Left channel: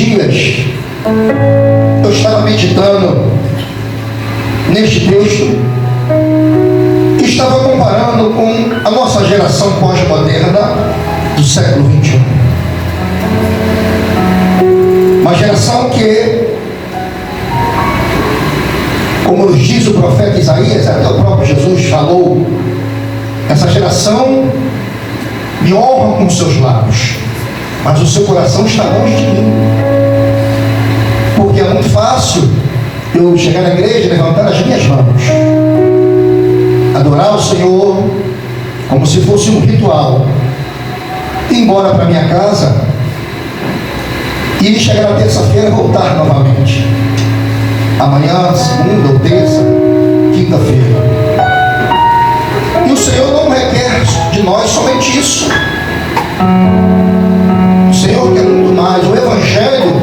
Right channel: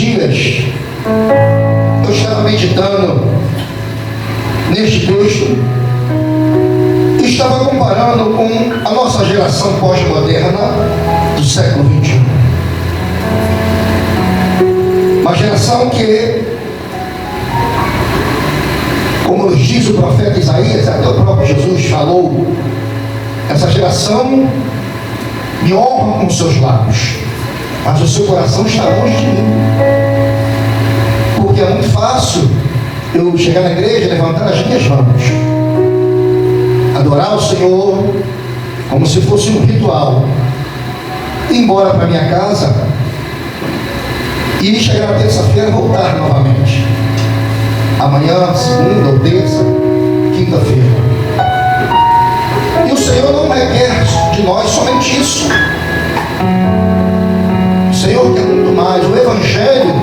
dias eu estava meditando neste texto e estava comparando com a nossa geração pós-moderna do século XXI. Uma geração que, como nos diz o profeta Isaías, até o próprio Jesus falou, essa geração me honra com seus lábios, mas o seu coração está longe de mim. Porque é muito fácil eu chegar na igreja, levantar as minhas mãos, adorar o Senhor como se fosse um ritual, ir embora para minha casa e chegar na terça-feira e voltar novamente. Amanhã, segunda ou terça, quinta-feira. E o Senhor não requer de nós somente isso. O Senhor quer muito mais. O Evangelho,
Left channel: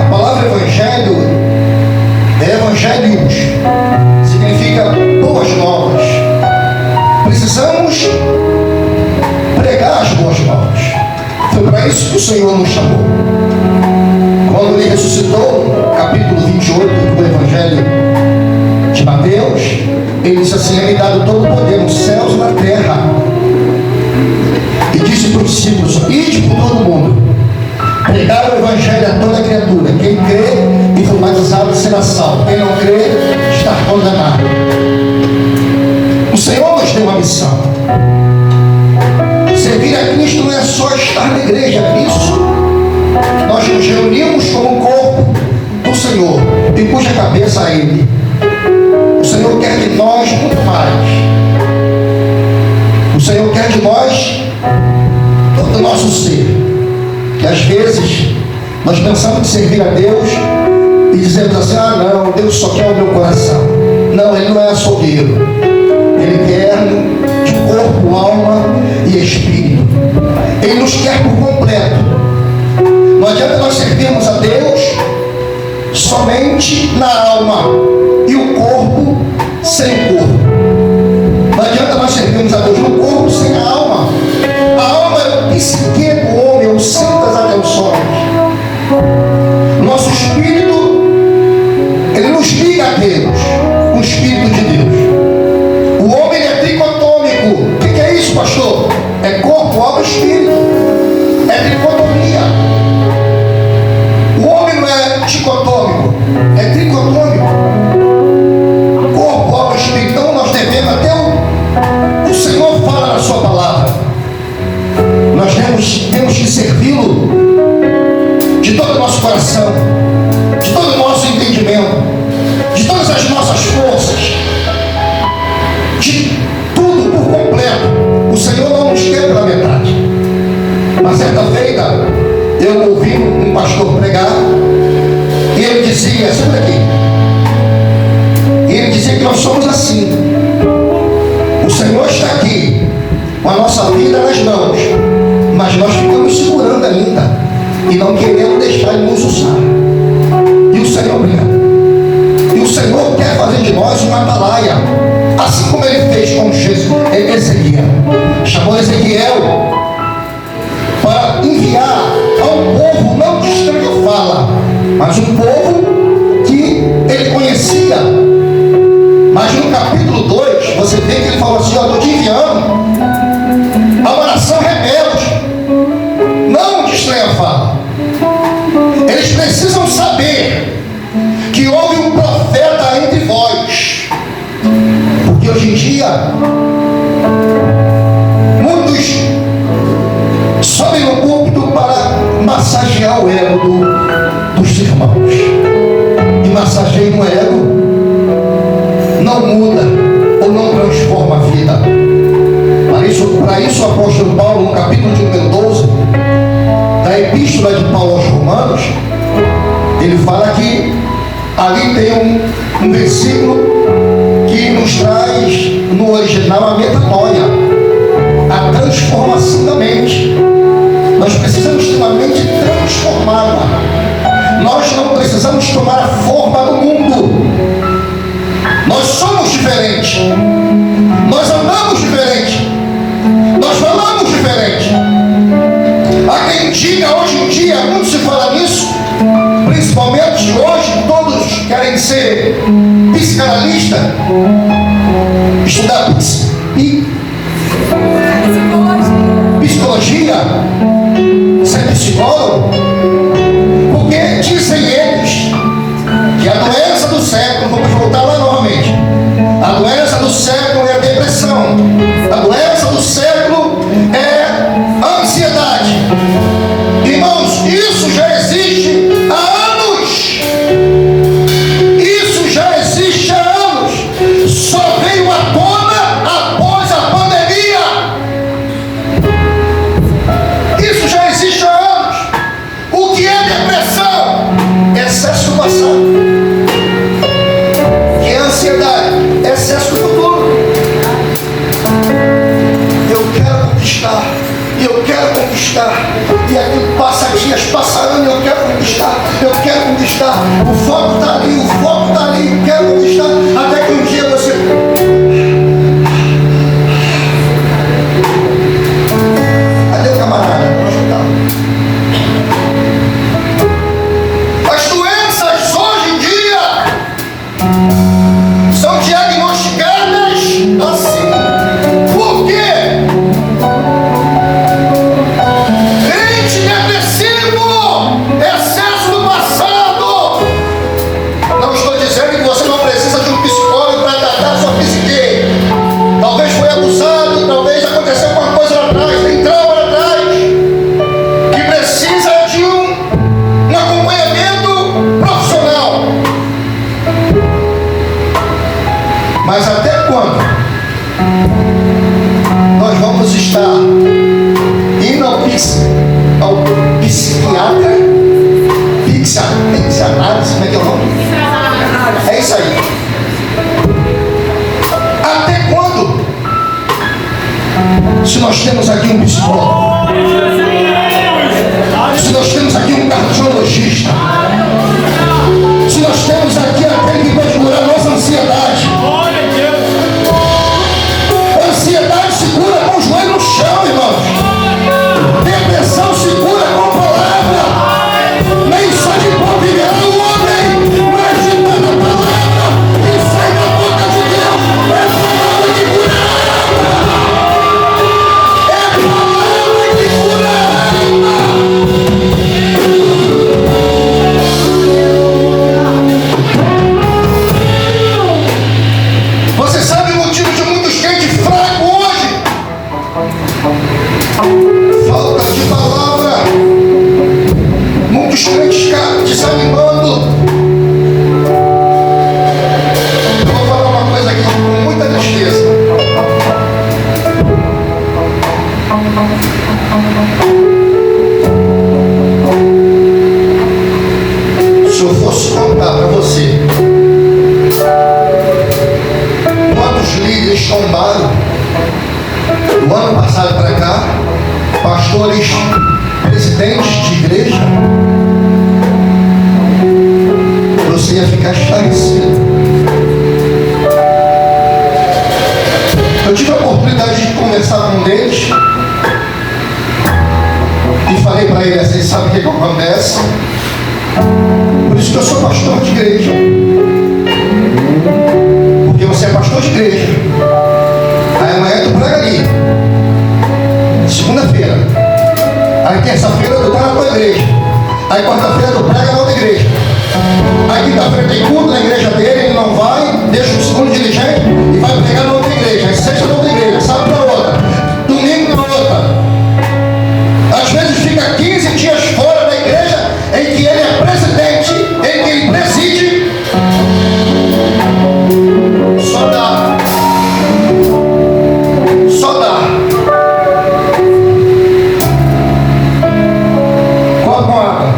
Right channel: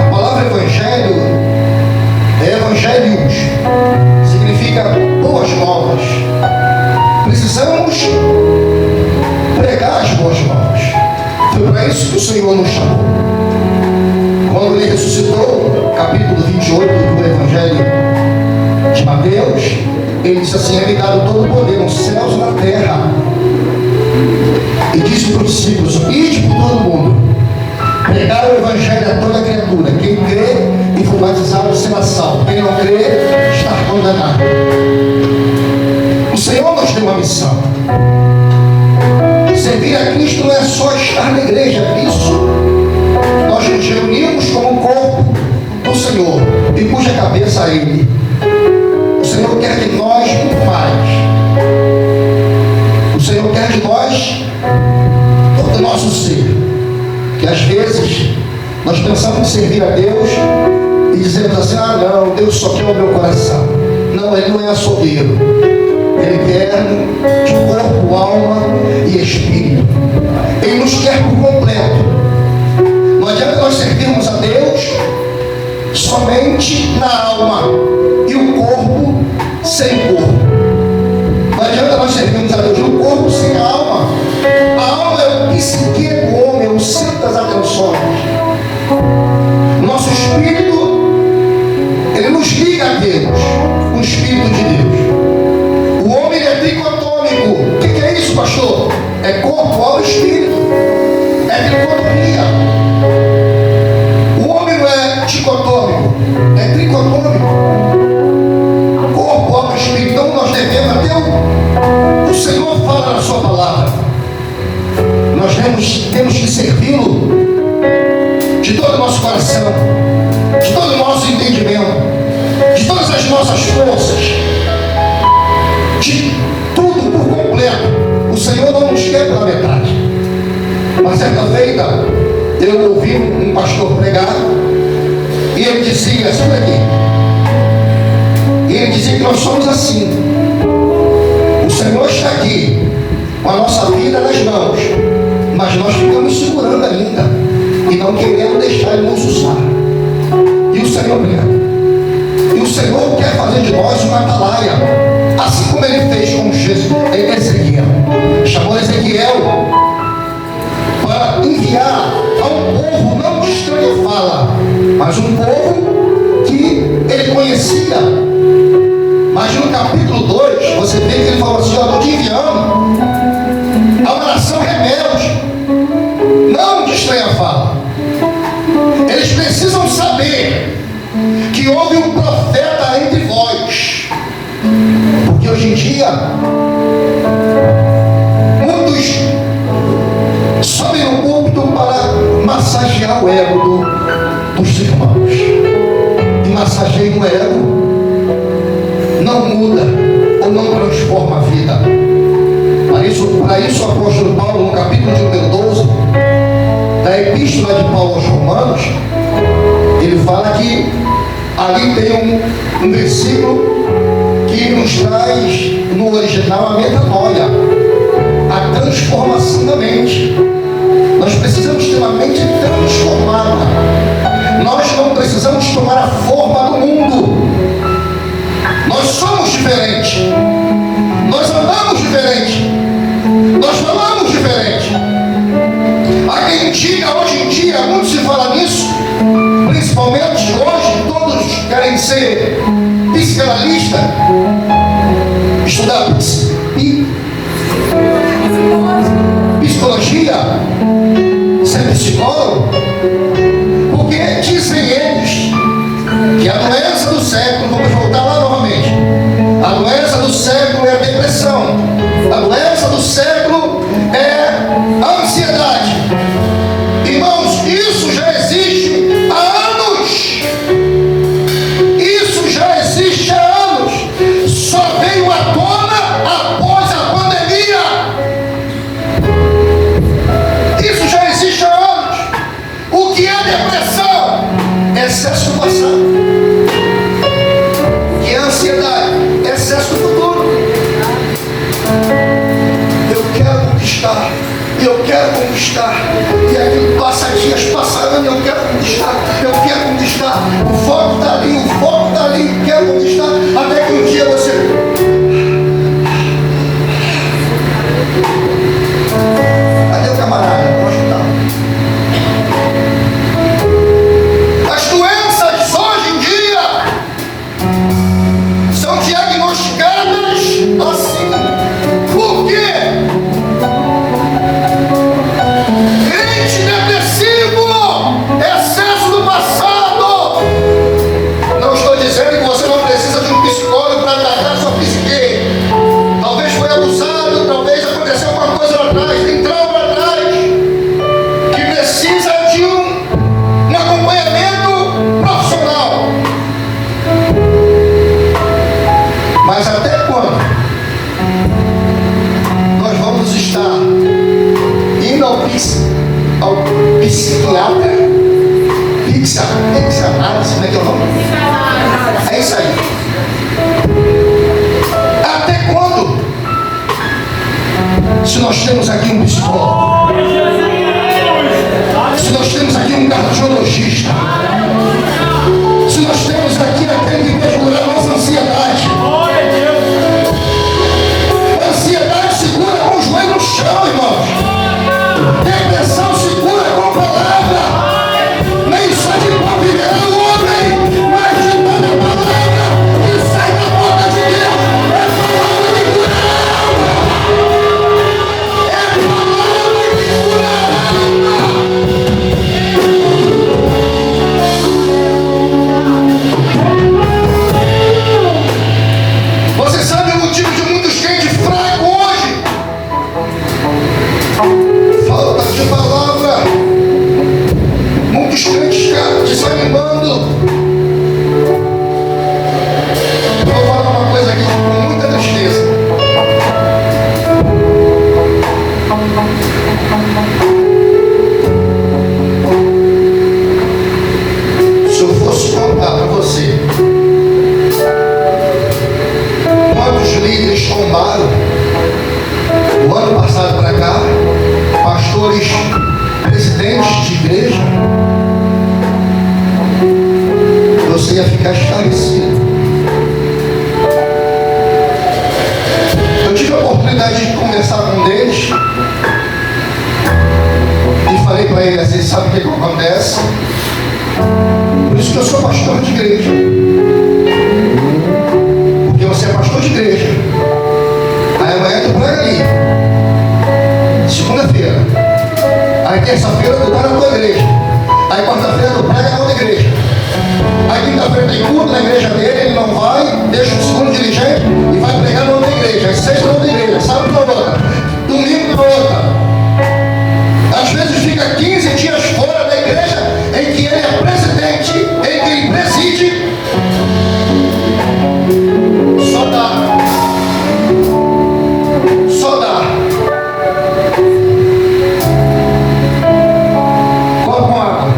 a palavra Evangelho é Evangelios, significa boas novas. Precisamos pregar as boas novas. Foi para isso que o Senhor nos chamou. Quando Ele ressuscitou, capítulo 28 do Evangelho de Mateus, Ele disse assim: é-me dado todo o poder nos céus e na terra. E disse para os discípulos: ide por todo mundo, pregar o Evangelho a toda criatura. Quem crê e for batizado será salvo. Quem não crê está condenado. O Senhor nos deu uma missão. Servir a Cristo não é só estar na igreja. Isso nós nos reunimos como corpo do Senhor e cuja cabeça é Ele. O Senhor quer de nós muito mais. O Senhor quer de nós todo o nosso ser. Que às vezes nós pensamos em servir a Deus e dizemos assim: ah não, Deus só quer o meu coração. Não, Ele não é açougueiro. Ele quer de corpo, alma e espírito. Ele nos quer por completo. Não adianta nós servirmos a Deus somente na alma e o corpo sem o corpo. Não adianta nós servirmos a Deus no corpo sem a alma. A alma é o psique do homem, é o centro das atenções. Nosso espírito, ele nos liga a Deus, o Espírito de Deus. O homem é tricotômico. O que é isso, pastor? É corpo, alma e espírito. É tricotomia. O homem não é dicotômico, é tricotômico. Corpo, alma e espírito. Então nós devemos, até o Senhor fala na sua palavra, nós temos que servi-lo de todo o nosso coração, de todo o nosso entendimento, de todas as nossas forças, de tudo por completo. O Senhor não nos quer pela metade. Uma certa feita eu ouvi um pastor pregar e ele dizia assim aqui, ele dizia que nós somos assim. O Senhor está aqui com a nossa vida nas mãos, mas nós ficamos segurando ainda e não queremos deixar Ele nos usar. E o Senhor quer. E o Senhor quer fazer de nós uma atalaia, assim como Ele fez com Ezequiel. Chamou Ezequiel para enviar a um povo não de estranha fala, mas um povo que ele conhecia. Mas no capítulo 2 você vê que ele falou assim: eu estou te enviando a uma nação rebelde, não de estranha fala. Eles precisam saber que houve um profeta entre vós. Porque hoje em dia muitos sobem no púlpito para massagear o ego dos irmãos. E massageia o ego não muda ou não transforma a vida. Para isso o apóstolo Paulo, no capítulo de número 12 da epístola de Paulo aos Romanos, ele fala que ali tem um versículo que nos traz no original a metanoia, a transformação da mente. Nós precisamos ter uma mente transformada. Nós não precisamos tomar a forma do mundo. Nós somos diferentes. Nós andamos diferente. Nós falamos diferente. Há quem diga hoje em dia, muitos estudar psicologia, ser psicólogo, porque dizem eles que a doença do século, vamos voltar lá novamente, a doença do século é a depressão, a doença do século é a ansiedade. Irmãos, isso já existe há anos. Isso já existe há anos. Só veio à tona após a pandemia. Isso já existe há anos. O que é depressão? Excesso do passado. O que é ansiedade? Excesso do futuro. Eu quero conquistar. Eu quero conquistar. E aquilo passa dias, passa anos, eu quero conquistar. Eu quero conquistar. O foco está ali, o foco está ali. Quero conquistar. Até que um dia você... Cadê o camarada? Nós não estamos. As doenças hoje em dia são diagnosticadas assim. Por quê? Mente depressivo, excesso do passado. Não estou dizendo que você não precisa de um psicólogo para tratar sua psique. Talvez foi abusado, talvez aconteceu alguma coisa lá atrás, tem trauma lá atrás, que precisa de um acompanhamento profissional. Mas até quando nós vamos estar indo ao psiquiatra, psicanálise, como é que é o nome? É isso aí. Até quando? Se nós temos aqui um psicólogo, se nós temos aqui um cardiologista, se nós temos aqui aquele que vai curar a nossa ansiedade. Ansiedade se cura com os joelhos no chão, irmãos. Depressão se cura com palavra. Nem só de pão viverá o homem, mas de toda palavra que sai da boca de Deus. É palavra que cura a alma. É palavra que cura a alma. Você sabe o motivo de muitos crentes fracos hoje? Falta de palavra. Muitos crentes desanimando. Eu vou falar uma coisa aqui com muita tristeza. Se eu fosse contar para você quantos líderes tombaram do ano passado para cá, pastores, presidentes de igreja, você ia ficar esclarecido. Eu tive a oportunidade de conversar com um deles e falei para ele assim: sabe o que acontece? Por isso que eu sou pastor de igreja. Porque você é pastor de igreja. Aí amanhã tu prega ali. Segunda-feira. Aí terça-feira tu está na tua igreja. Aí quarta-feira tu prega na outra igreja. Aí quinta-feira tem culto na igreja dele, ele não vai, deixa o segundo dirigente e vai pregar na outra igreja. Aí sexta na outra igreja, sábado na outra, domingo na outra. Às vezes fica 15 dias fora da igreja em que ele é presidente, em que ele preside. Só dá. Só dá. Coloca uma água.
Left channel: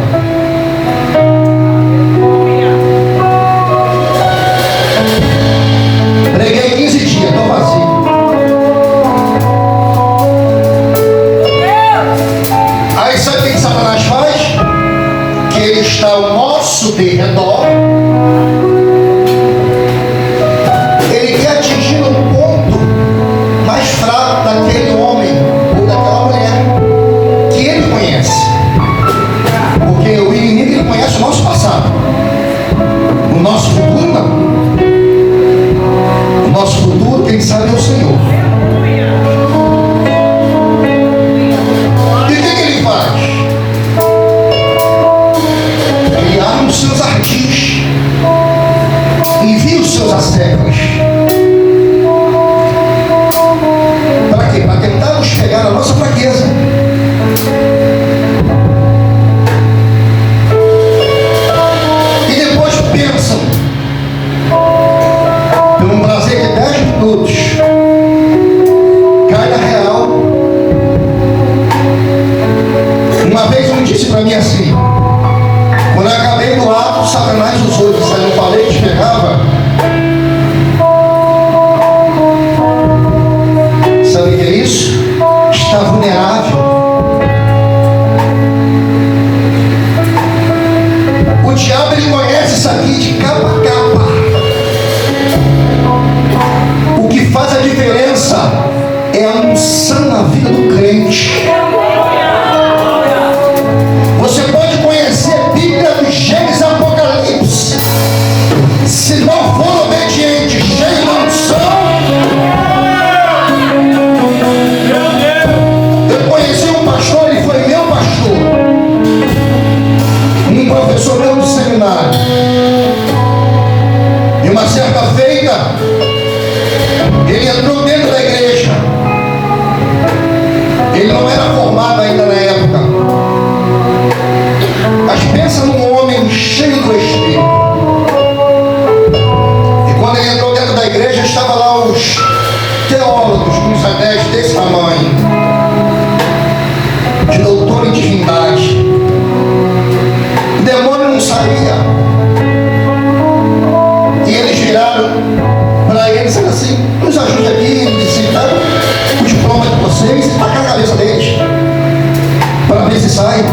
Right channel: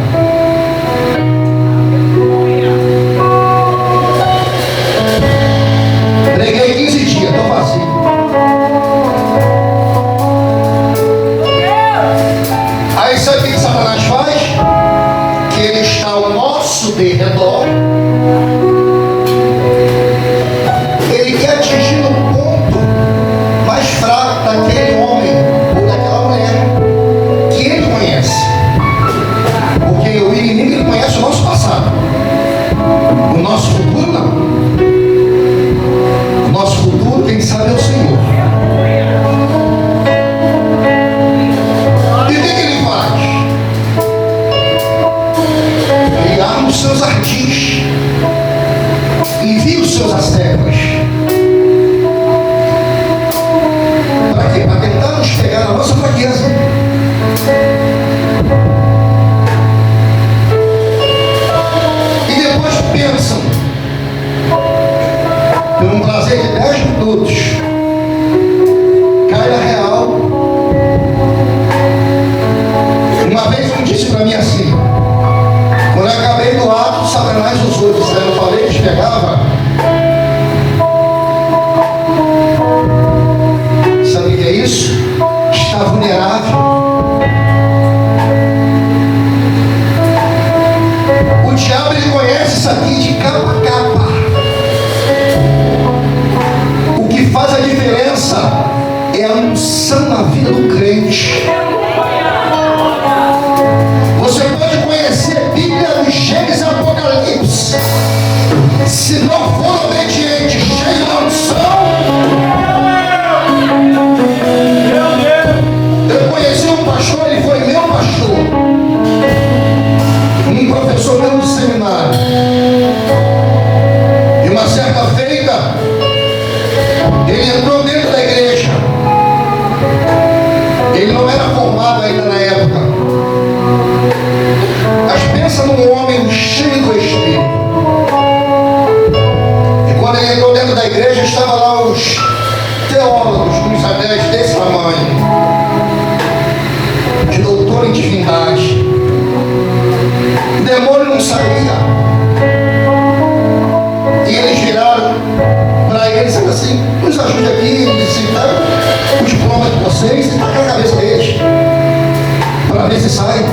sai.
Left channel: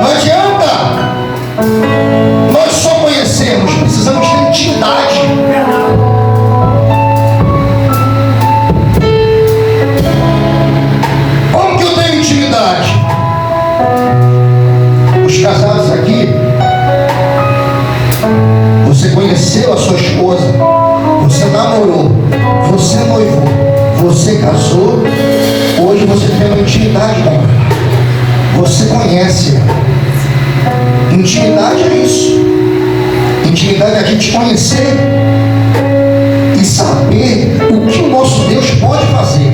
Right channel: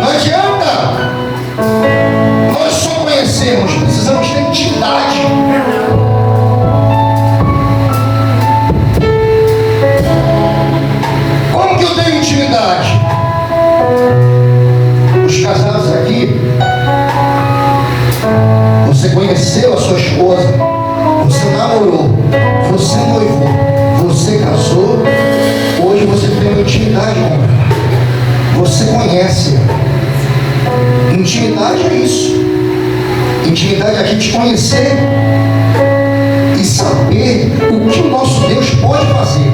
Não adianta nós só conhecermos, precisamos ter intimidade. Como que eu tenho intimidade? Os casados aqui, você conheceu a sua esposa, você namorou, você noivou, você casou, hoje você tem uma intimidade com ela. Você conhece ela. Intimidade é isso. Intimidade é a gente conhecer e saber o que o nosso Deus pode fazer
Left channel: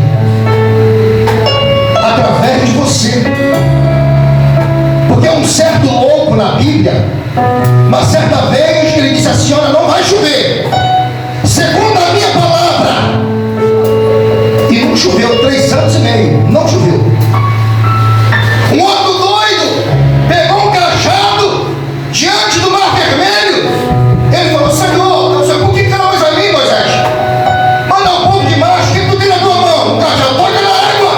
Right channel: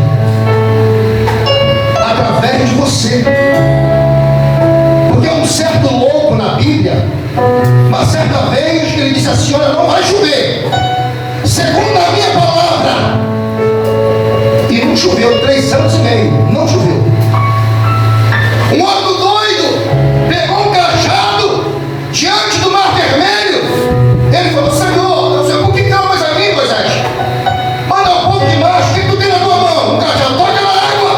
através de você. Porque um certo louco na Bíblia, uma certa vez ele disse assim: olha, não vai chover, segundo a minha palavra. E não choveu 3 anos e meio, não choveu. Um outro doido pegou um cajado diante do mar vermelho. Ele falou: Senhor, por que clamas a mim, Moisés? Manda um pouco de mar, o que tu tem na tua mão? Um cajado, toca na água.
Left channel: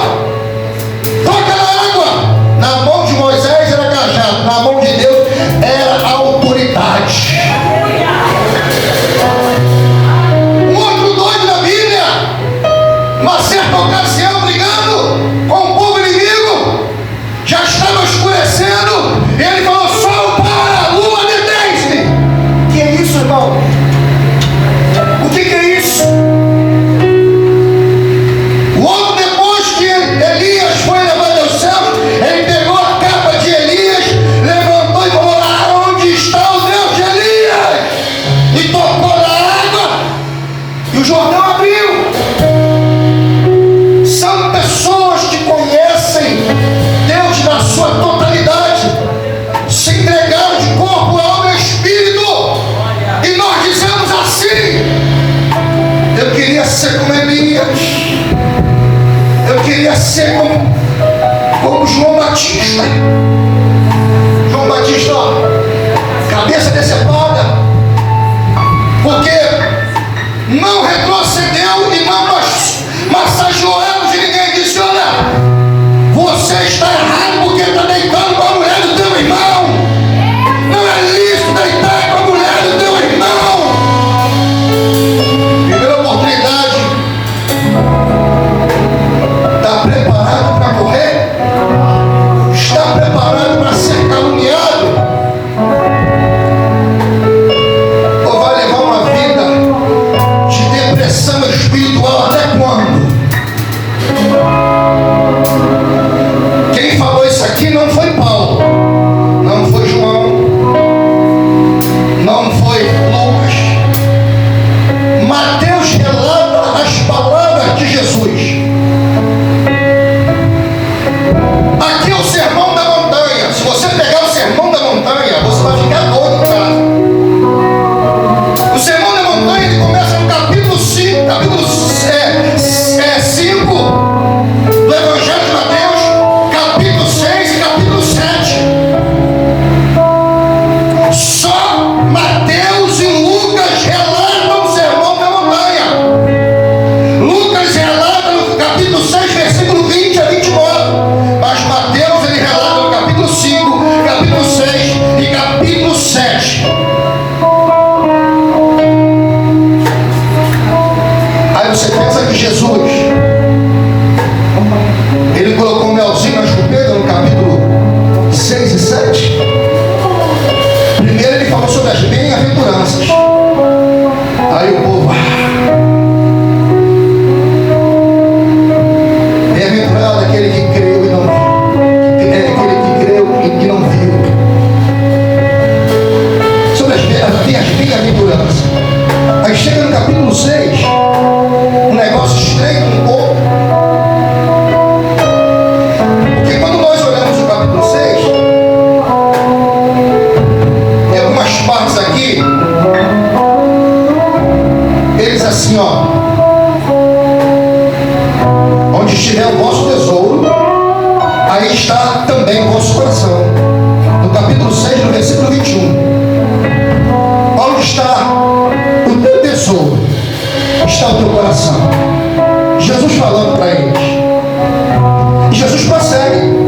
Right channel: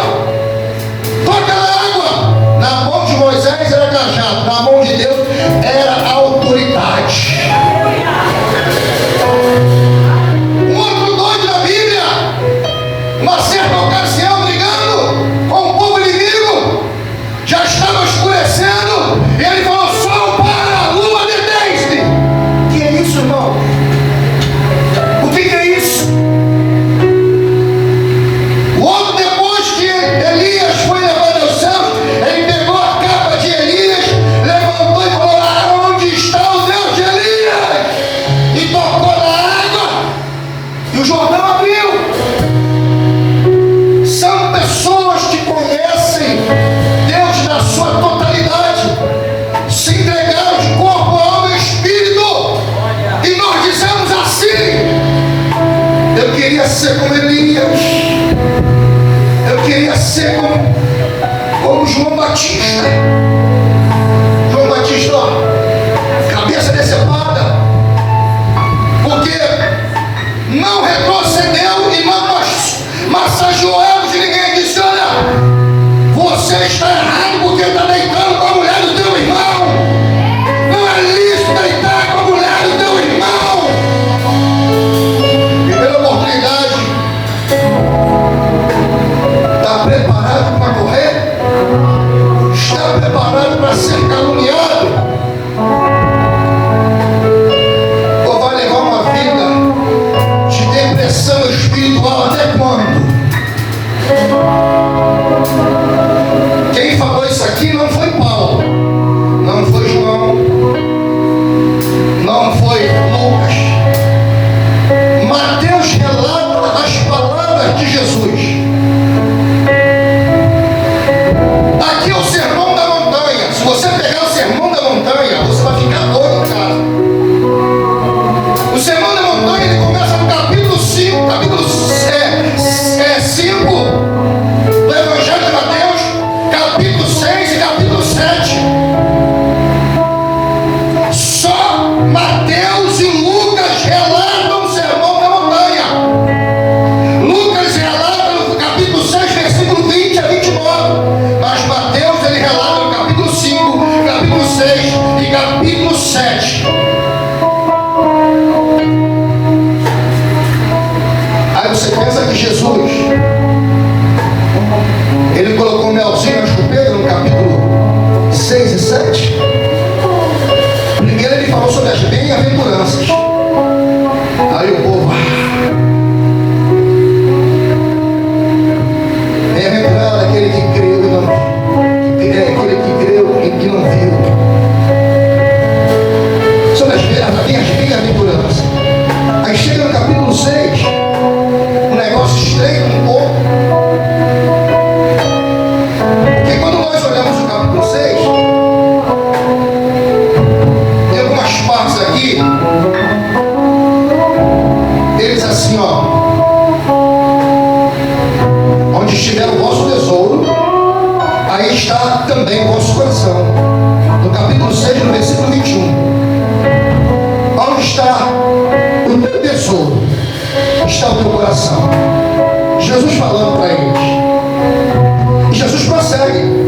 Toca na água. Na mão de Moisés era cajado, na mão de Deus era autoridade. Um outro doido na Bíblia, uma certa ocasião, brigando com o povo inimigo, já estava escurecendo, e ele falou: sol para, lua detém-se. O que é isso, irmão? O que é isso? O outro, depois que Elias foi levado aos céus, ele pegou a capa de Elias, levantou e falou: lá onde está o Deus de Elias? E tocou na água, e o Jordão abriu. São pessoas que conhecem Deus na sua totalidade, se entregaram de corpo, alma e espírito. E nós dizemos assim: eu queria ser como Elias, eu queria ser como João Batista. João Batista, ó, cabeça decepada, porque não retrocedeu e não massageou ela de ninguém. Disse: olha, você está errado porque está deitando com a mulher do teu irmão. Não é lícito deitar com a mulher do teu irmão. Primeira oportunidade. Está preparado para morrer? Está preparado para ser caluniado? Ou vai levar uma vida de depressão espiritual até quando? Quem falou isso aqui não foi Paulo, não foi João, não foi Lucas. Mateus relata as palavras de Jesus. Aqui é o Sermão da Montanha. Se você pegar o Sermão da Montanha, você vai ficar doido, cara. O Sermão da Montanha, ele começa no capítulo 5, capítulo 5 do Evangelho de Mateus, capítulo 6 e capítulo 7. Só Mateus e Lucas relatam o Sermão da Montanha. Lucas relata no capítulo 6, versículo 20 a 29. Mas Mateus, ele relata no capítulo 5, capítulo 6 e capítulo 7. Aí você pensa que Jesus, ele colocou um melzinho na chupeta no capítulo 6 e 7. Primeiro ele falou sobre as bem-aventuranças. Aí o povo: bem-aventurado aquele que creu e não viu, aquele que creu e que não viu. Sobre as bem-aventuranças. Aí chega no capítulo 6, um negócio estreito um pouco. Porque quando nós olhamos o capítulo 6, tem algumas partes aqui. Ele diz assim, ó: onde estiver o vosso tesouro, aí está também o vosso coração. No capítulo 6, no versículo 21. Onde está o teu tesouro, está o teu coração. Jesus falando para eles. E Jesus prossegue.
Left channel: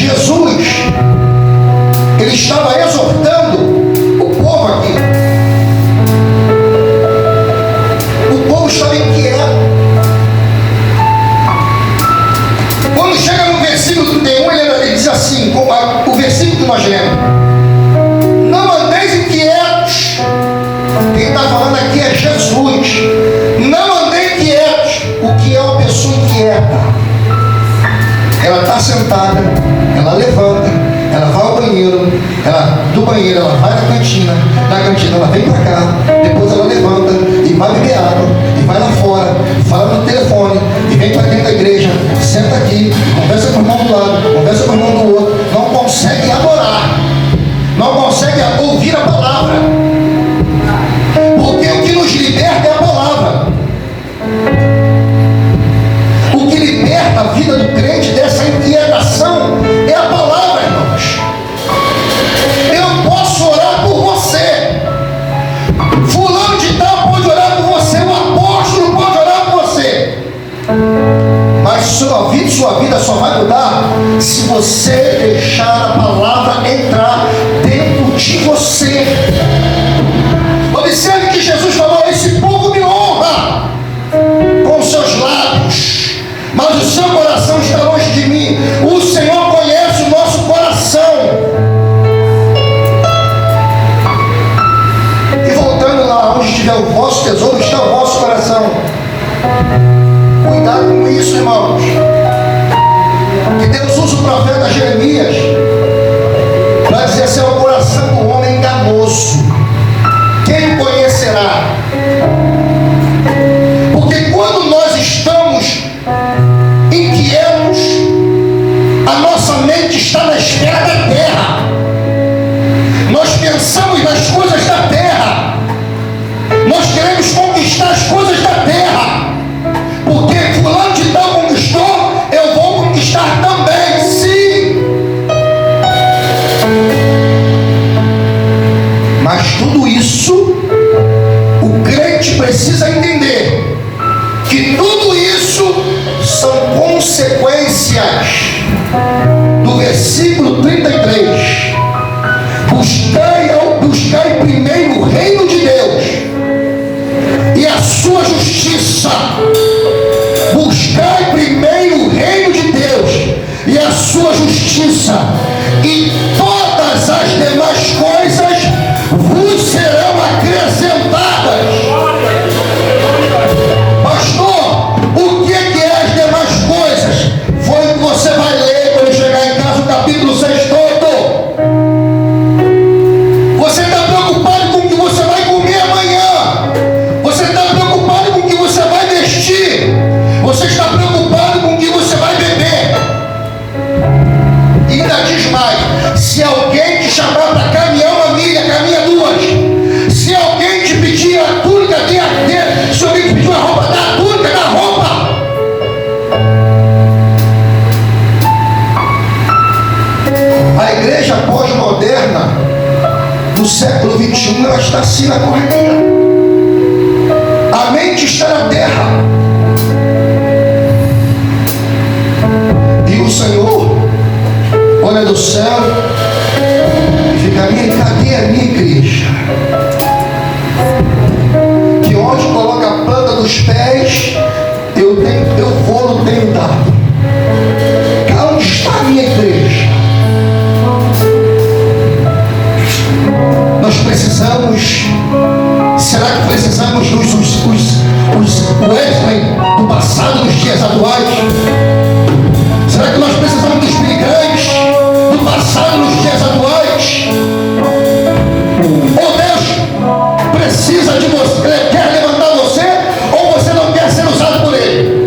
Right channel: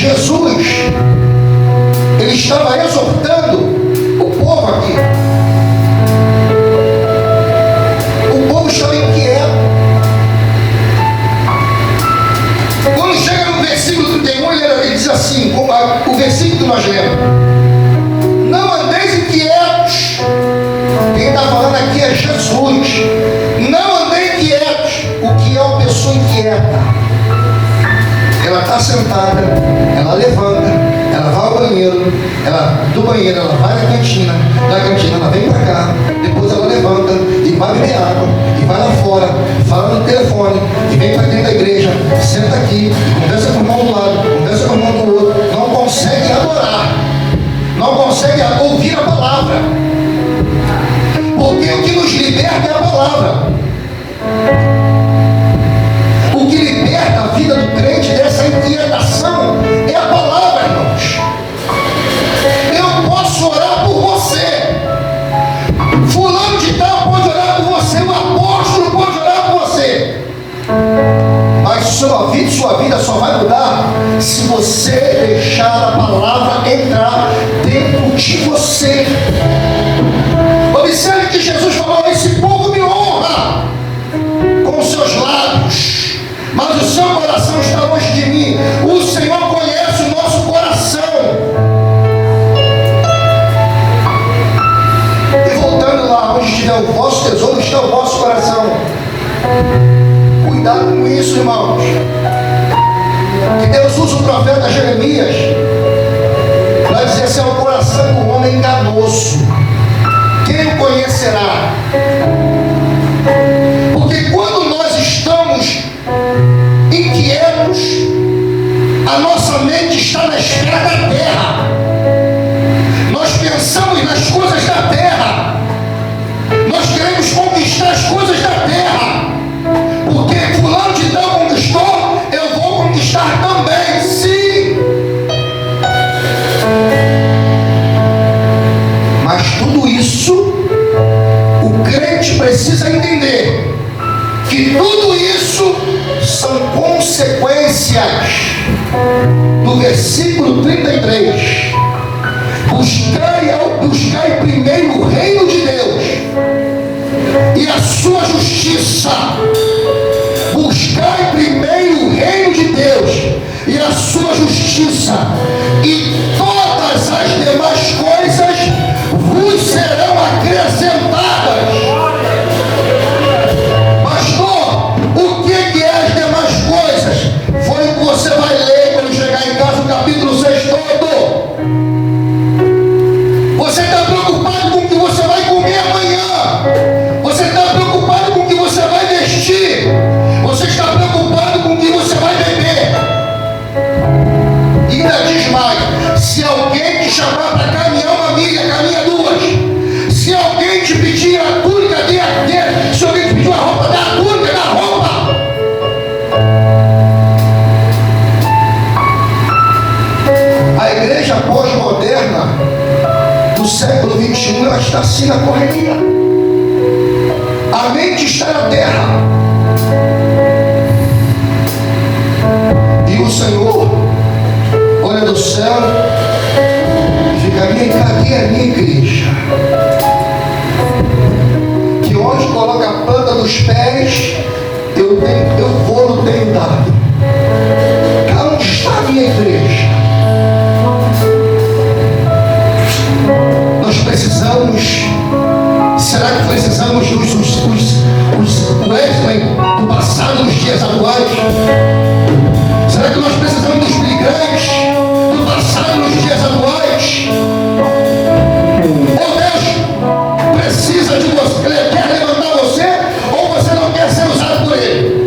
Jesus, ele estava exortando o povo aqui. O povo estava inquieto. Quando chega no versículo 31, ele diz assim, o versículo que nós lemos: não andeis inquietos. Quem está falando aqui é Jesus. Não andei inquietos. O que é uma pessoa inquieta? Ela está sentada, ela levanta, ela vai ao banheiro, do banheiro ela vai na cantina, da cantina ela vem para cá, depois ela levanta e vai beber água, e vai lá fora, fala no telefone, e vem para dentro da igreja, senta aqui, conversa com o irmão do lado, conversa com o irmão do outro, não consegue adorar, não consegue ouvir a palavra, porque o que nos liberta é a palavra. O que liberta a vida do crente dessa inquietação é a palavra, irmãos. Eu posso orar por você, fulano de tal pode orar por você, o apóstolo pode orar por você, mas sua vida só vai mudar se você deixar a palavra entrar dentro de você. Observe que Jesus falou: esse povo me honra com seus lábios, mas o seu coração está longe de mim. O Senhor conhece o nosso coração. E voltando lá onde estiver o vosso tesouro, está o vosso coração. Cuidado com isso, irmãos. Que Deus usa o profeta Jeremias para dizer assim: é o coração do homem enganoso. Quem o conhecerá? Porque quando nós estamos inquietos, a nossa mente está na esfera da terra. Nós pensamos nas coisas da terra. Nós queremos conquistar as coisas da terra. Porque fulano de tal conquistou, eu vou conquistar também. Sim. Mas tudo isso, o crente precisa entender que tudo isso são consequências do versículo 33. Buscai primeiro o reino de Deus e a sua justiça. Buscai primeiro o reino de Deus e a sua justiça, e todas as demais coisas vos serão acrescentadas. Pastor, o que é as demais coisas? Foi o que você vai ler quando chegar em casa, o capítulo 6 todo. Você está preocupado com o que você vai comer amanhã. Você está preocupado com o que você vai vestir. Você está preocupado com o que você vai beber. E ainda diz mais: se alguém te chamar para caminhar 1 milha, caminha 2. Se alguém te pedir a túnica, dê a dele. Se alguém te pedir a roupa, dá a túnica, dá a roupa. A igreja pós-moderna do século 21, ela está assim na correria. A mente está na terra. E o Senhor olha do céu e fica: cadê a minha igreja? Que onde coloca a planta dos pés, eu vou no tenho dado. Onde está a minha igreja? Nós precisamos. Será que precisamos os Wesley do passado, dos dias atuais? Será que nós precisamos dos migrantes do passado, nos dias atuais? Ou Deus precisa de você, quer levantar você, ou você não quer ser usado por Ele?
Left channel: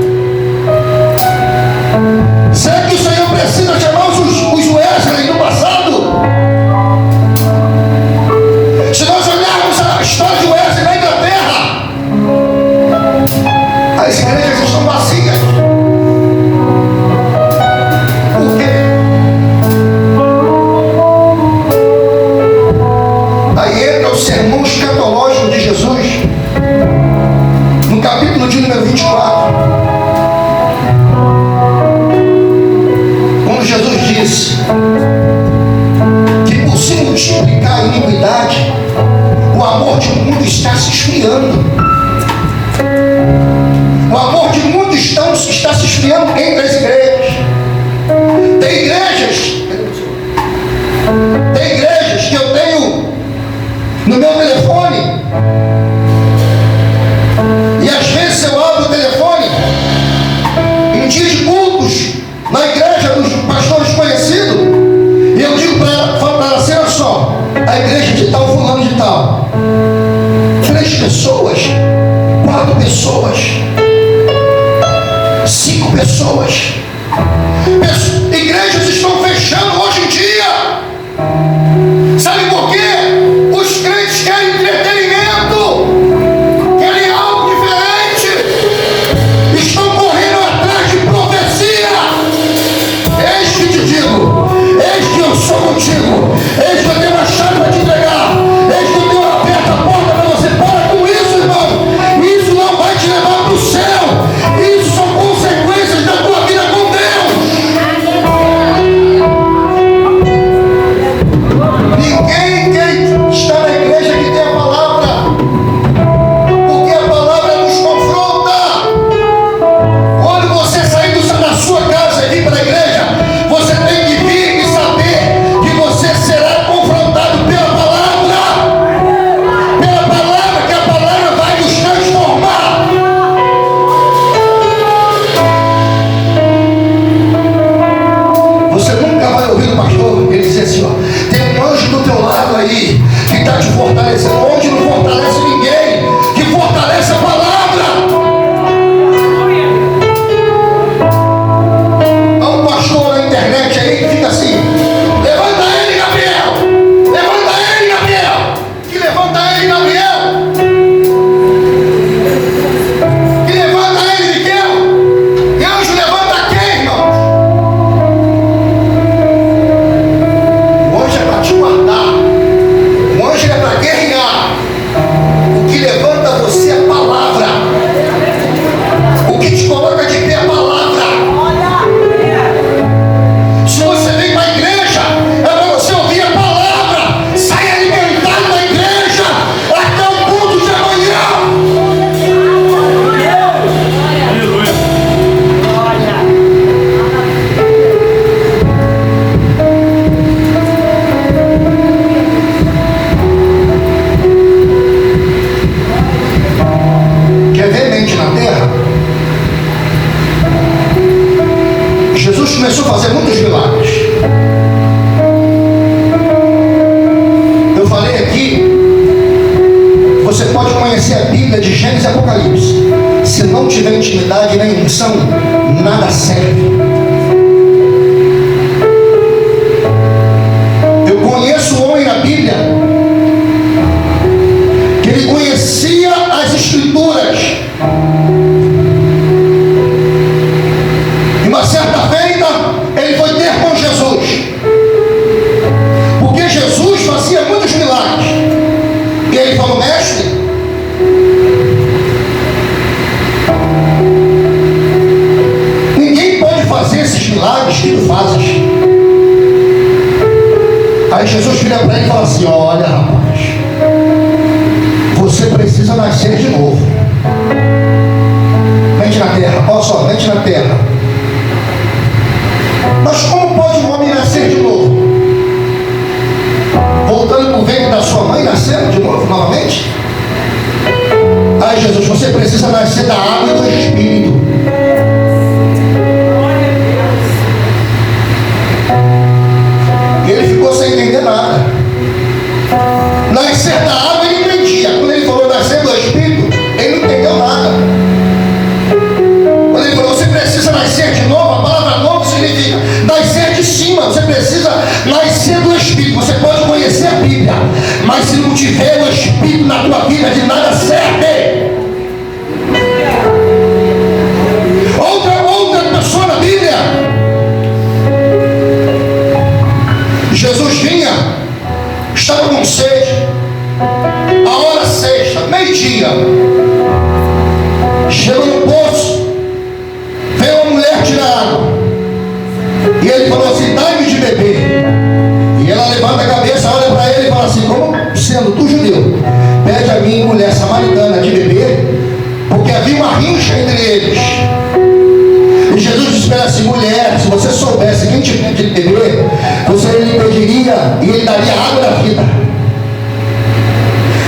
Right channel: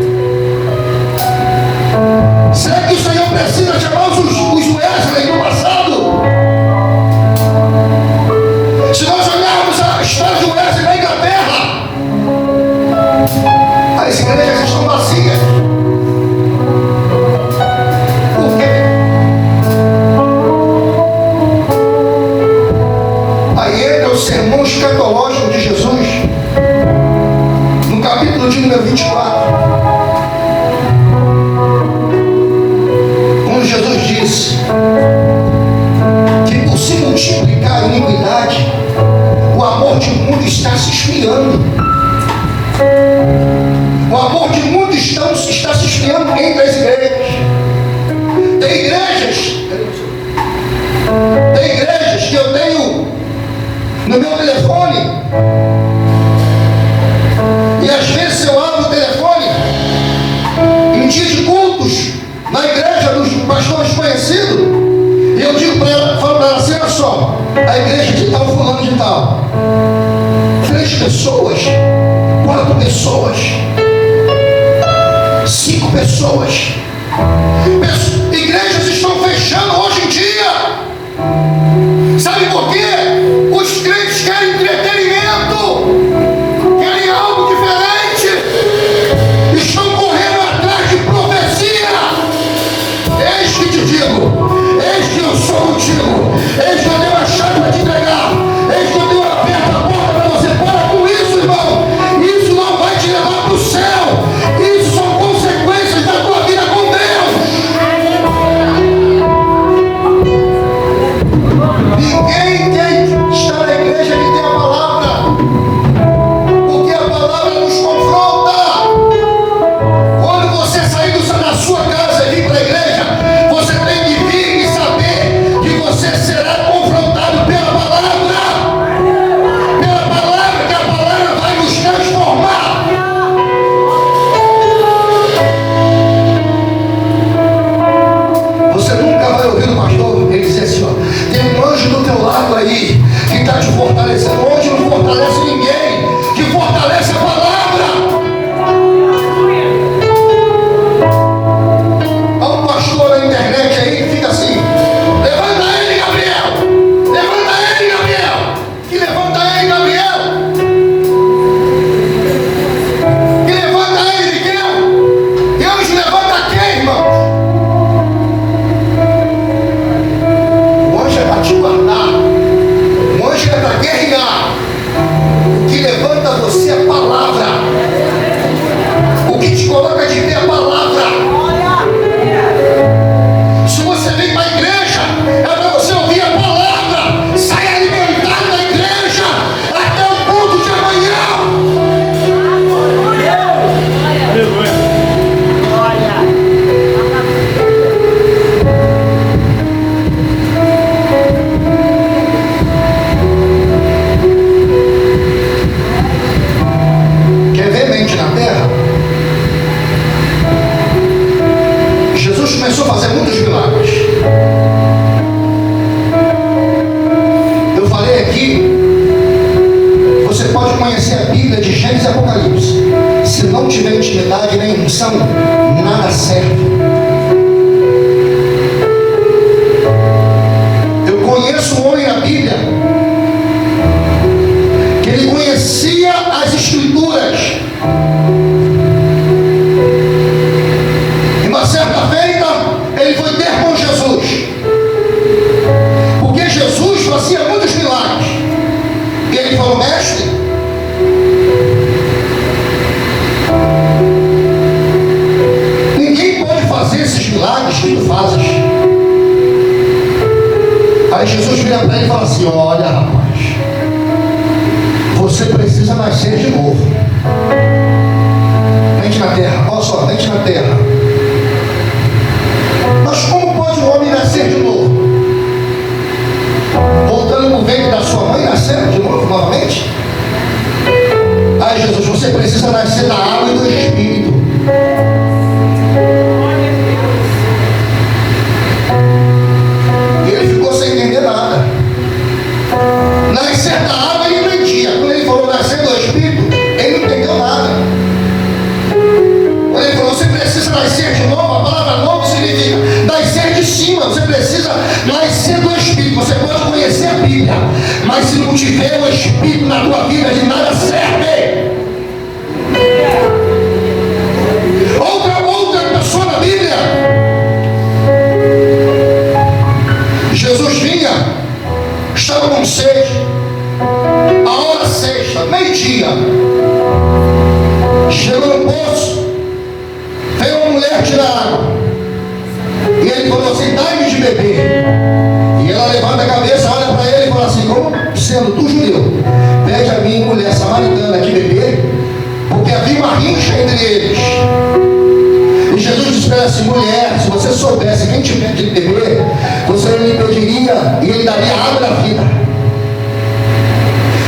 leite de beber, você lhe pediria e ele daria água da vida.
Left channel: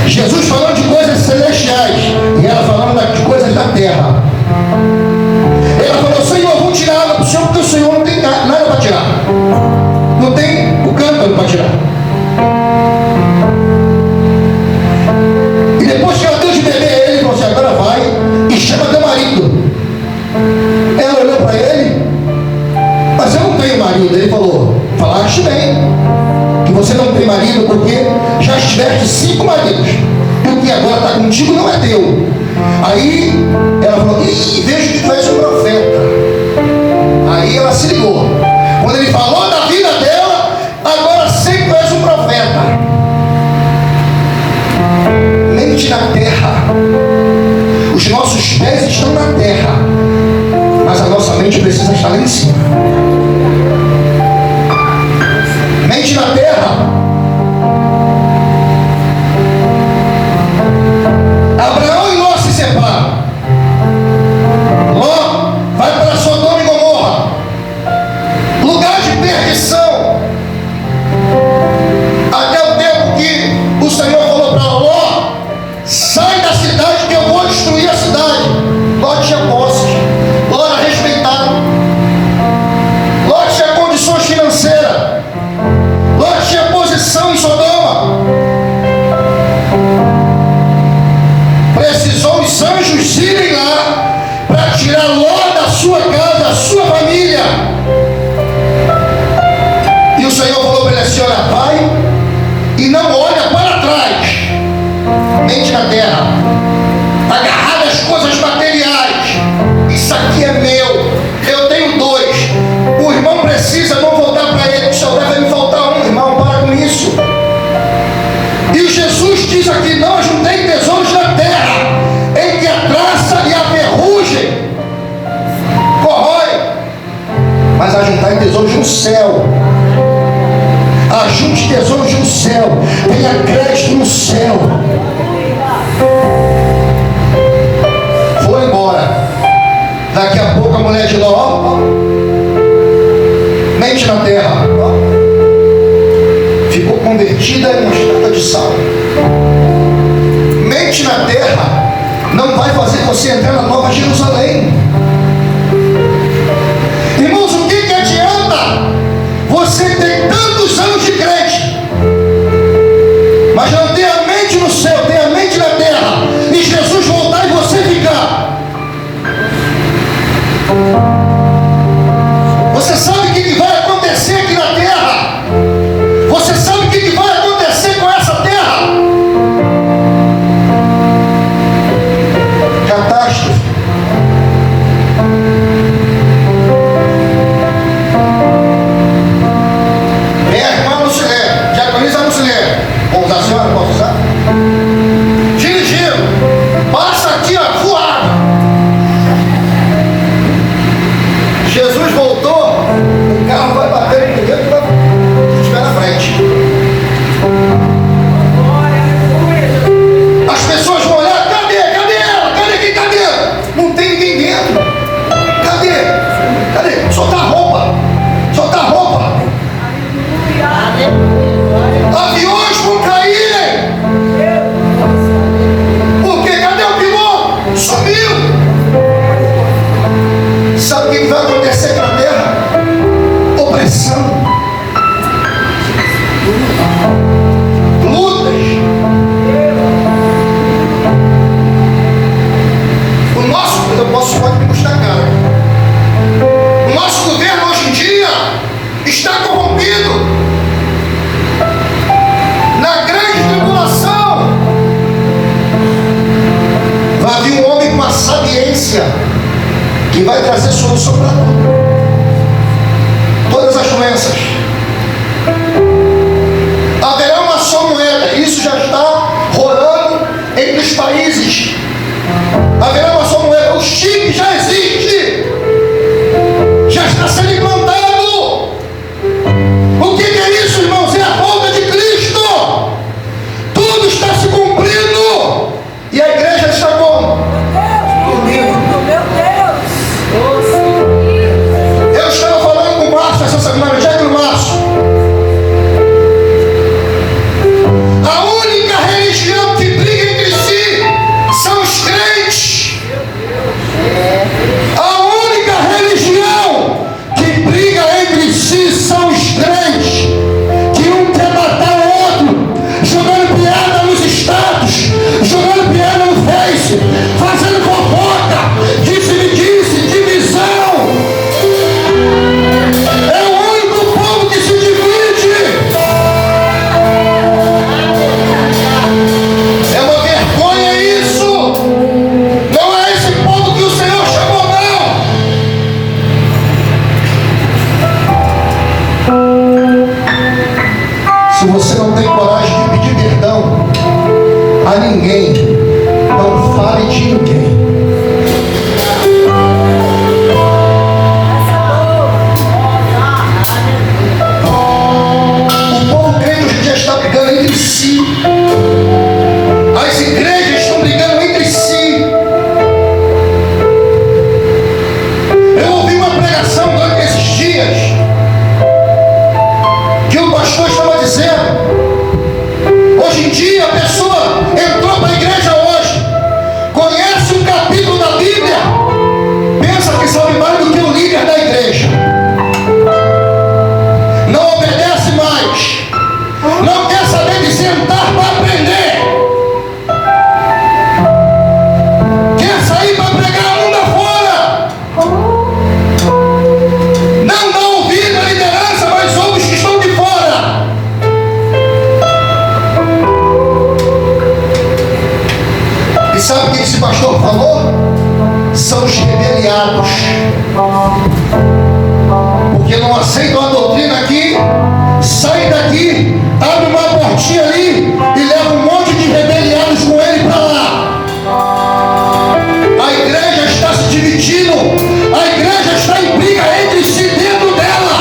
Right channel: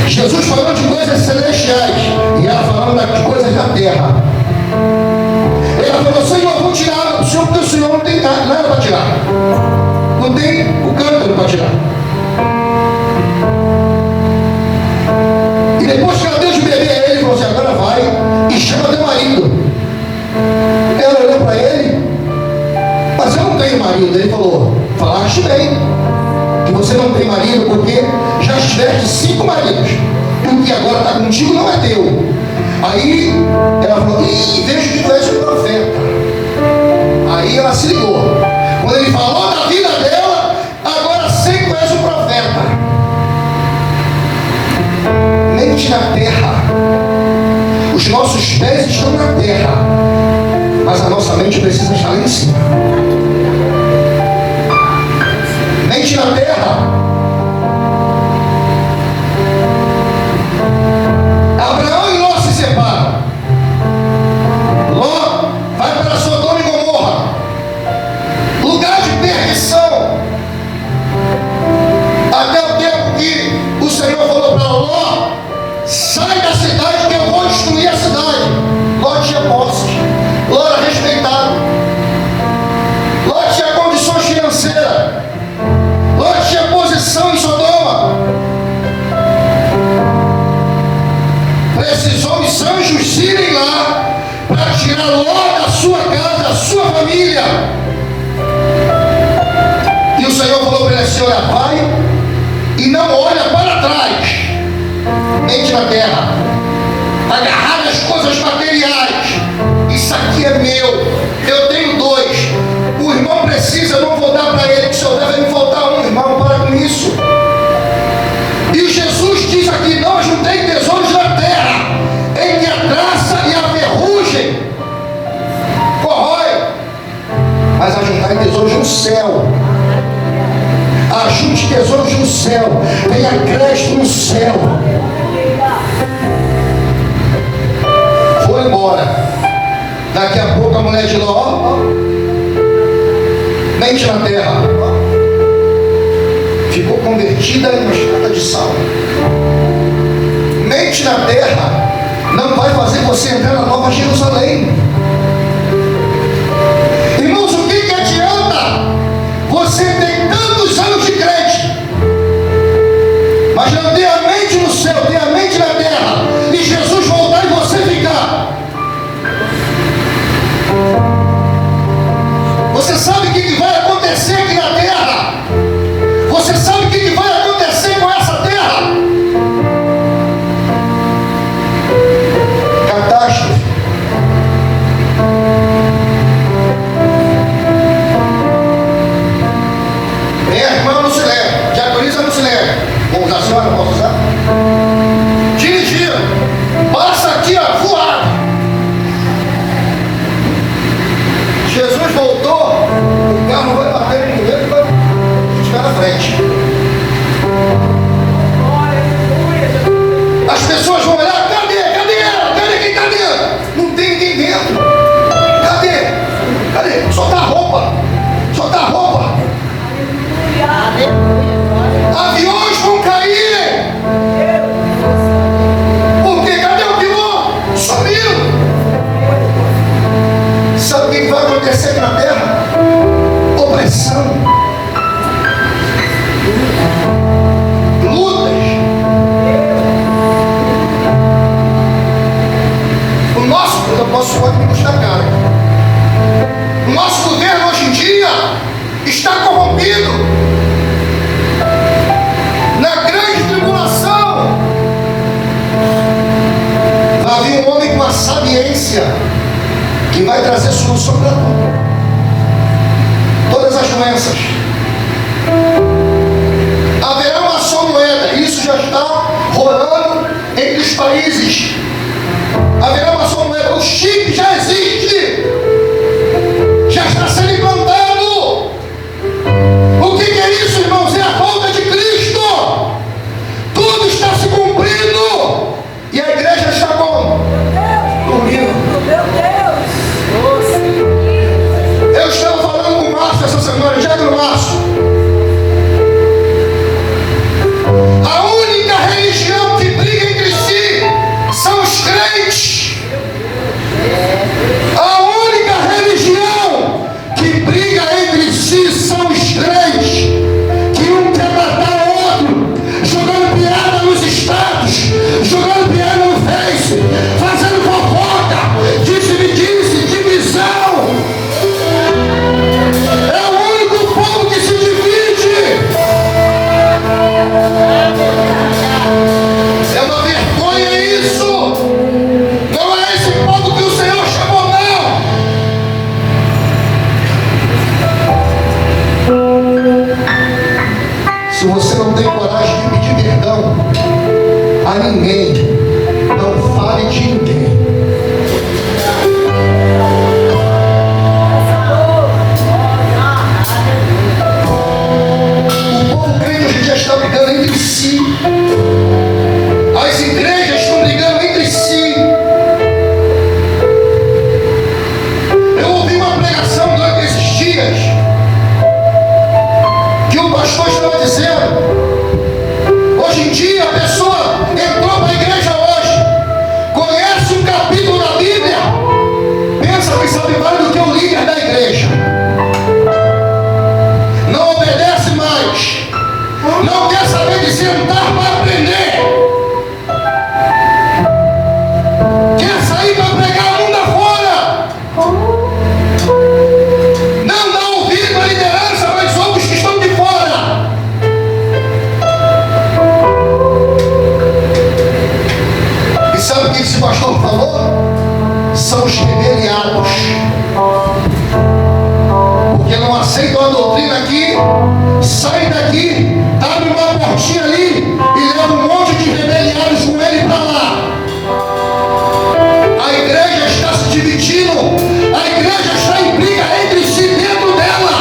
Jesus falando de coisas celestiais e ela falando de coisas da terra. Ela falou: Senhor, eu vou tirar água para o Senhor, porque o Senhor não tem nada para tirar. Não tem o cântaro para tirar. E depois que ela deu de beber, ele falou assim: agora vai e chama teu marido. Ela olhou para ele: mas eu não tenho marido. Ele falou: falaste bem que você não tem marido, porque já estiveste 5 maridos, e o que agora está contigo não é teu. Aí ela falou: ih, vejo que tu és um profeta. Aí ela se ligou. Quando ele falou da vida dela, agora sei que tu és um profeta. Mente na terra. Os nossos pés estão na terra, mas a nossa mente precisa estar lá em cima. Mente na terra. Abraão e Ló se separam. Ló vai para Sodoma e Gomorra, lugar de perdição. Até o tempo que o Senhor falou para Ló: sai da cidade que eu vou destruir a cidade. Ló tinha posse, Ló era respeitado, Ló tinha condições financeiras, Ló tinha posição em Sodoma. Precisou os anjos irem lá para tirar Ló da sua casa, da sua família. E o Senhor falou para ele assim: olha, vai e não olha para trás. Mente na terra, agarrado às coisas materiais. Isso aqui é meu, eu tenho 2. O irmão precisa, não vou dar para ele, que só deve me faltar um. Irmão, para com isso. E Jesus diz aqui: não juntei tesouros na terra, em que a traça e a ferrugem corrói, mas ajuntai tesouros no céu. Ajunte tesouros no céu, tenha crédito no céu. Foi embora. Daqui a pouco a mulher de Ló, mente na terra, ficou convertida em uma estátua de sal. Mente na terra não vai fazer você entrar na Nova Jerusalém. Irmãos, o que adianta você ter tantos anos de crente, mas não ter a mente no céu, ter a mente na terra, e Jesus voltar e você ficar? Você sabe o que vai acontecer aqui na terra? Você sabe o que vai acontecer com essa terra? Catástrofe. Vem a irmã Lucilene, diaconisa Lucilene. Vou usar a senhora, posso usar? Dirigindo, passa aqui, ó, voado. Jesus voltou, o carro vai bater no primeiro e vai estiver na frente. As pessoas vão olhar: cadê? Cadê ela? Cadê? Não tem ninguém dentro. Cadê? Solta a roupa. Aviões vão caírem. Porque cadê o piloto? Sumiu. Sabe o que vai acontecer aqui na terra? Opressão, lutas. O nosso, pode me custar caro. O nosso governo hoje em dia está corrompido. Na grande tribulação vai vir um homem com a sabiência que vai trazer solução para tudo. Todas as doenças. Haverá uma só moeda. Isso já está rolando entre os países. Haverá uma só moeda. O chip já existe. Já está sendo implantado. O que é isso, irmãos? É a volta de Cristo. Tudo está se cumprindo. E a igreja está como? Dormindo. Meu Deus! Se você não tem coragem de pedir perdão a ninguém, não fale de ninguém. O povo crente hoje em dia está brigando entre si. As igrejas estão brigando entre si. Eu ouvi uma pregação durante esses dias que o pastor estava dizendo: hoje em dia a pessoa entrou para a igreja hoje, conhece um capítulo da Bíblia, pensa que sabe mais do que o líder da igreja, não obedece mais, não quer saber de sentar para aprender, quer sair para pregar mundo afora, não dá ouvido à liderança, mas ouve os que estão de fora. E sabe o que esse pastor falou? São os rebeliados, porque não aceitam a doutrina aqui, saem daqui, abrem uma portinha ali e levam um monte de rebeliados com ele para lá. A igreja está se dividindo, a igreja está em briga entre si dentro dela.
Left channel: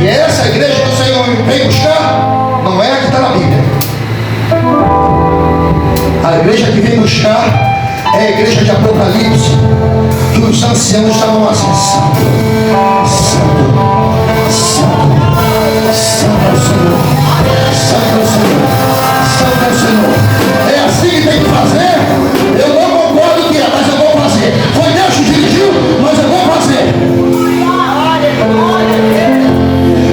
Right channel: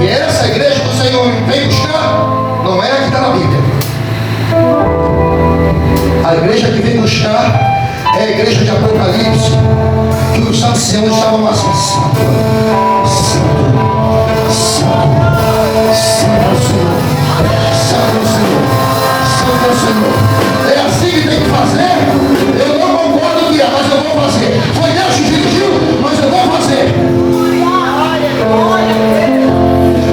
E essa igreja que o Senhor vem buscar não é a que está na Bíblia. A igreja que vem buscar é a igreja de Apocalipse, que os anciãos estavam assim: Santo, Santo, Santo, Santo é o Senhor, Santo é o Senhor, Santo é o Senhor. É assim que tem que fazer? Eu não concordo que é, mas eu vou fazer. Foi Deus que dirigiu, mas eu vou fazer.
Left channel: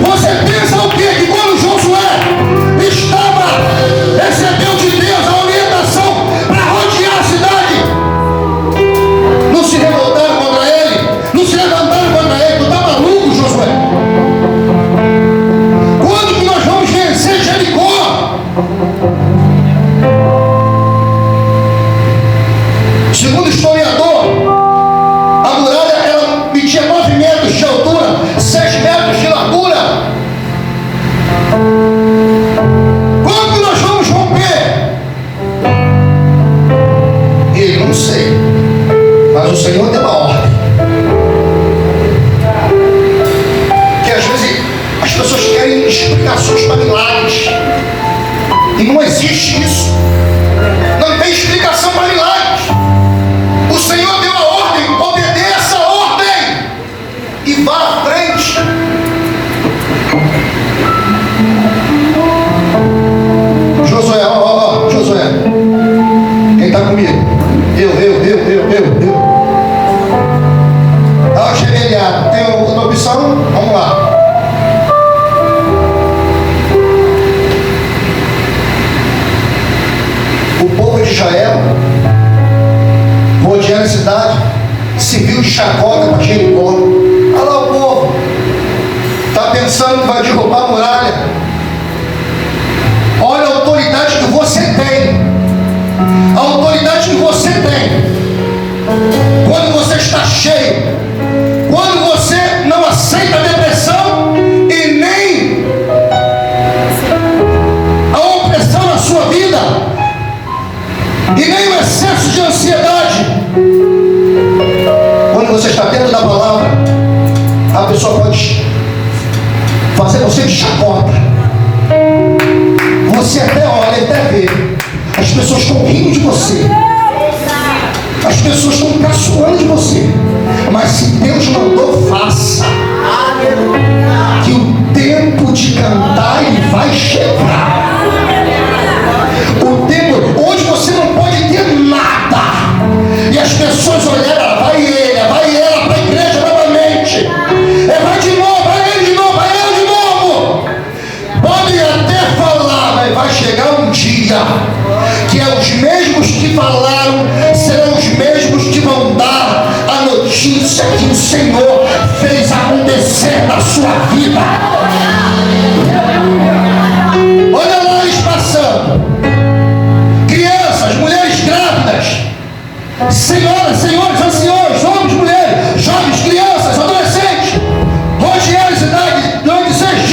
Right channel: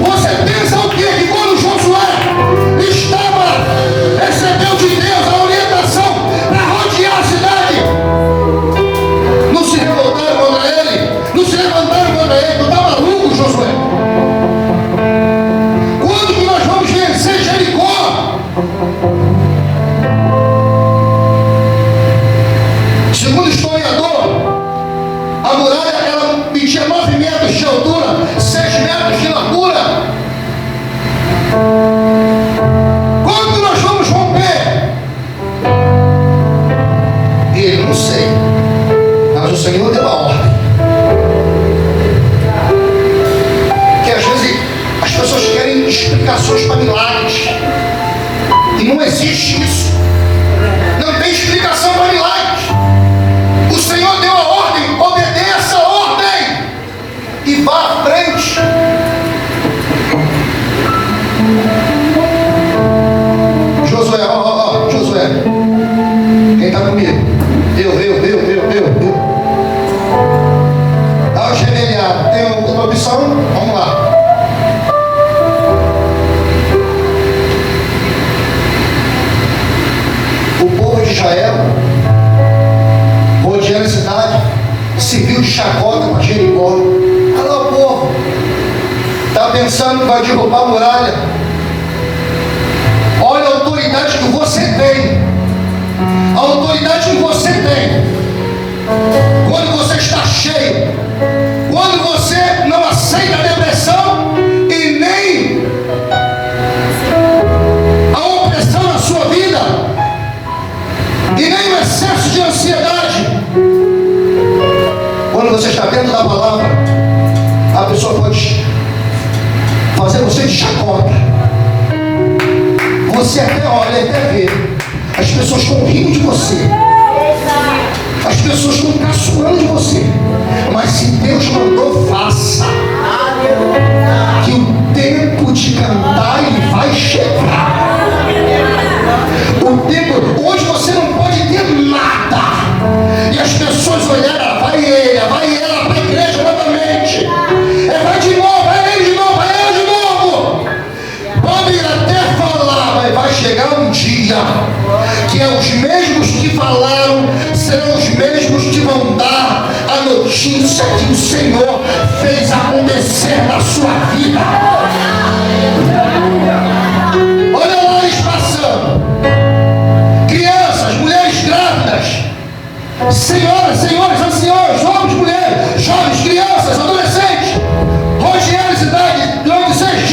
Você pensa o quê? Que quando Josué recebeu de Deus a orientação para rodear a cidade, não se revoltaram contra ele, não se levantaram contra ele. Tu está maluco, Josué? Quando que nós vamos vencer Jericó? Segundo o historiador, a muralha ela media 9 metros de altura, 6 metros de largura. Quando que nós vamos romper? Eu não sei, mas o Senhor deu a ordem. Que às vezes as pessoas querem explicações para milagres, e não existe isso. Não tem explicação para milagres. O Senhor deu a ordem, obedeça a ordem e vá à frente. Josué, Josué, quem está comigo? Eu. Ah, rebeliado, tem outra opção? Vamos lá. O povo de Israel, rodeando a cidade, se viu de chacota para Jericó. Olha lá o povo, está pensando que vai derrubar a muralha. Olha a autoridade que você tem. A autoridade que você tem. Quando você está cheio, quando você não aceita a depressão e nem a opressão na sua vida, e nem o excesso de ansiedade. Quando você está dentro da palavra, a pessoa pode fazer você de chacota. Você até olha, até vê. As pessoas estão rindo de você. As pessoas estão caçoando de você. Mas se Deus mandou, faça. Que o tempo de cantar ele vai chegar. O tempo, hoje você não pode ter nada. E as pessoas olharam, vai ela para a igreja novamente. Vai de novo, vai ele de novo, vai ela de novo. Pode até falar, mas vai chegar um dia que é os mesmos que falaram serão os mesmos que vão dar a notícia que o Senhor fez acontecer na sua vida. Olha lá eles passando. Crianças, mulheres grávidas, senhoras, anciões, homens, mulheres, jovens, crianças, adolescentes, rodearam a cidade durante 6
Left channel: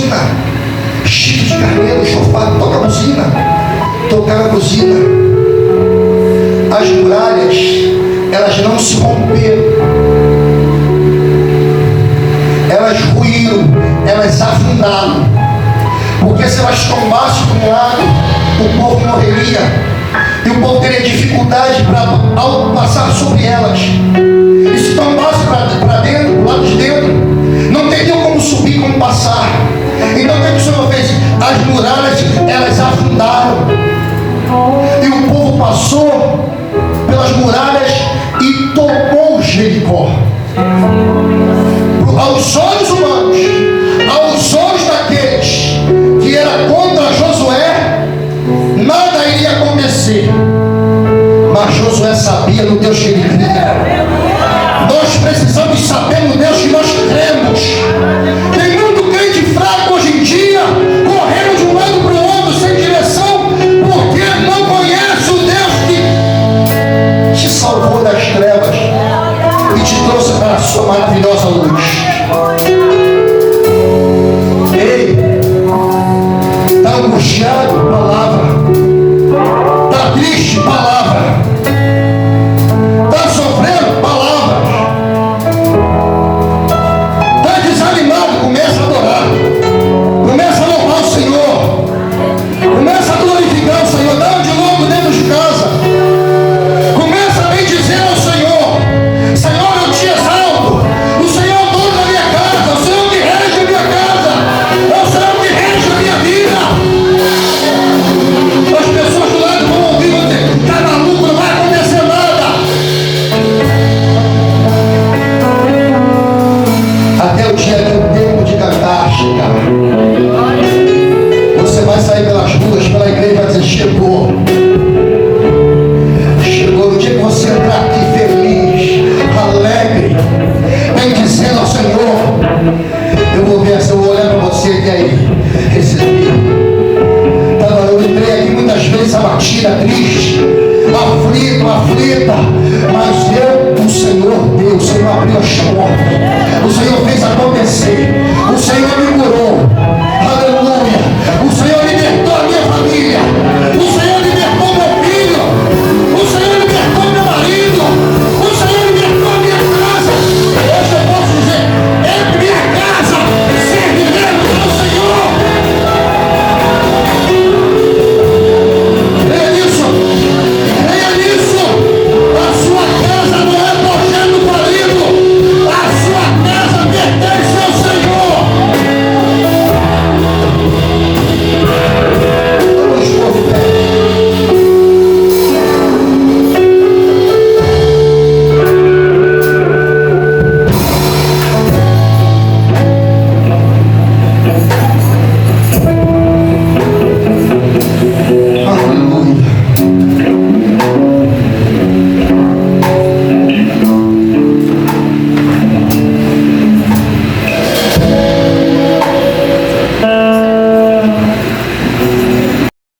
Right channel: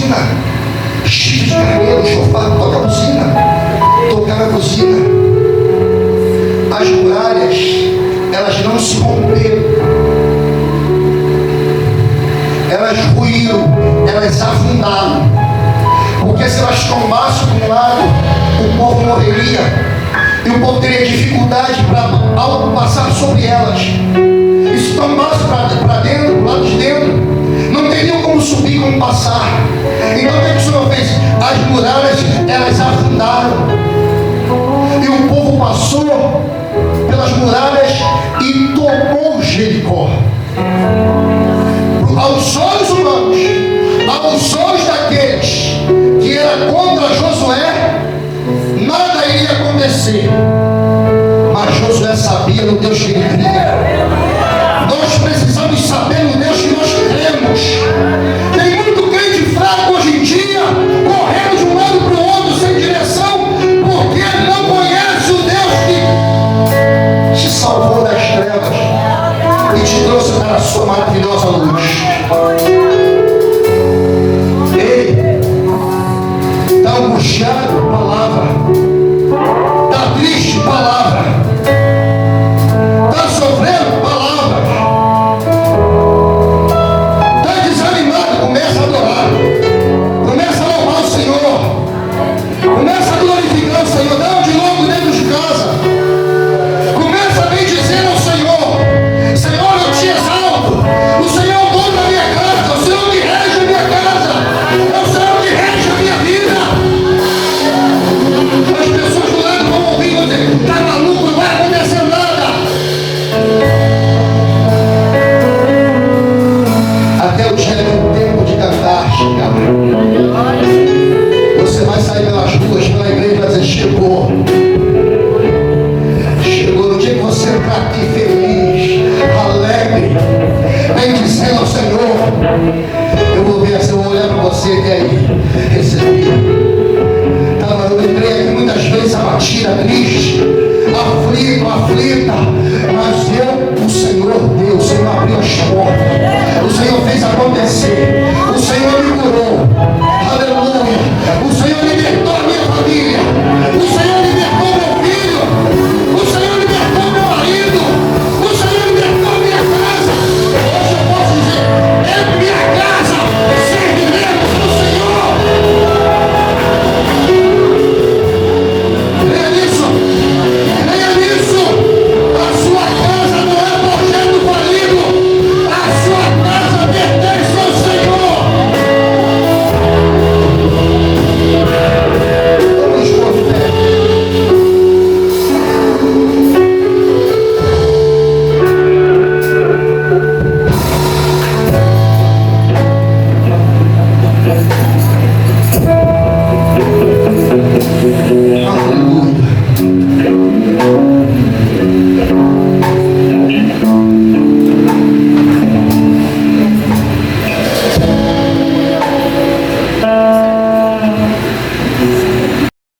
buzina, chifre de carneiro, chofar, toca a buzina, tocar a buzina. As muralhas, elas não se romperam, elas ruíram, elas afundaram, porque se elas tombassem para um lado, o povo morreria, e o povo teria dificuldade ao passar sobre elas. E se tombasse para dentro, do lado de dentro, não teria como subir, como passar. Então o que o Senhor fez? As muralhas, elas afundaram, e o povo passou pelas muralhas e tomou Jericó. Aos olhos humanos, aos olhos daqueles que era contra Josué, nada iria acontecer. Mas Josué sabia no Deus que ele cria.